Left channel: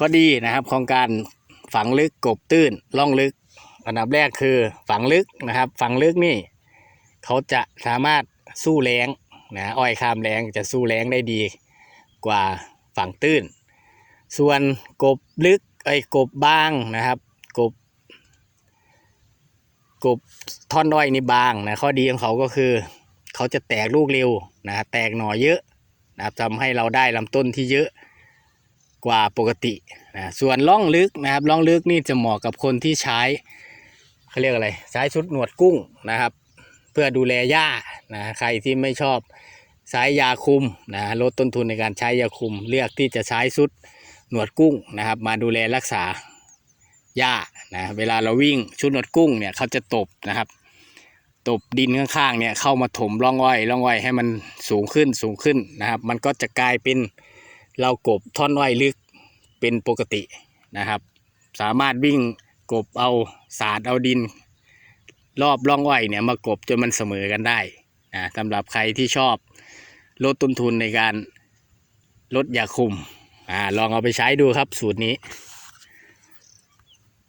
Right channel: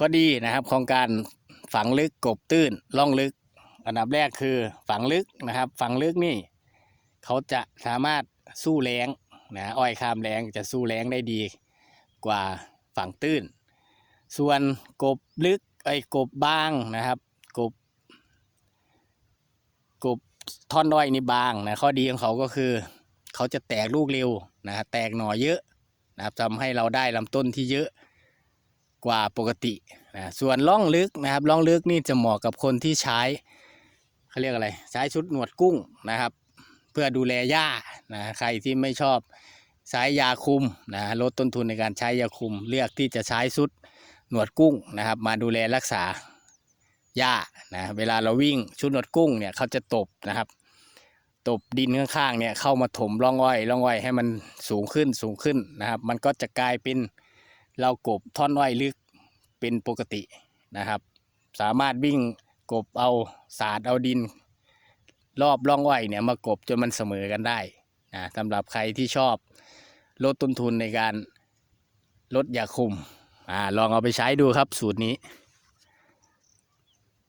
ข้อดีนะครับของการฝังลึกกบตื้นล่องลึก อันดับแรกคือฝังลึกนะครับ ฝังลึกนี่ เขาจะสามารถสู้แรงนะอ้อยข้ามแรงจะสู้แรงได้ดีกว่าฝังตื้น ส่วนกบลึกไอ้กบบางนะครับกบกบท่อนอ้อยนี่บางนะข้อดีของเขาก็คือเขาจะแตกลูกเร็วนะแตกหน่อเยอะนะครับทำให้เราได้ลำต้นที่เยอะ กว่าปกตินะส่วนล่องลึกนะครับล่องลึกนี่จะเหมาะกับคนที่ใช้เขาเรียกอะไรใช้ชุดหนวดกุ้งนะครับ เพื่อดูแลหญ้านะใครที่ไม่ชอบใช้ยาคุมนะลดต้นทุนในการใช้ยาคุม เลือกที่จะใช้ชุดหนวดกุ้งนะครับ มาดูแลรักษาหญ้านะเวลาเราวิ่งชุดหนวดกุ้งเนี่ยเขาจะตบนะครับตบดินข้างๆเนี่ยเข้ามาถมร่องอ้อยร่องอ้อยให้มันสูงขึ้นสูงขึ้นนะครับ มันก็จะกลายเป็น เรากบท่อนไว้ลึกเป็นปกตินะครับ สามารถวิ่งกบเอาสาดเอาดิน รอบร่องอ้อยเนี่ยมากบจนมันเสมอกันได้นะสำหรับใครที่ชอบลดต้นทุนในการลดยาคุมอ่าลองเอาไปใช้ดูครับสูตรนี้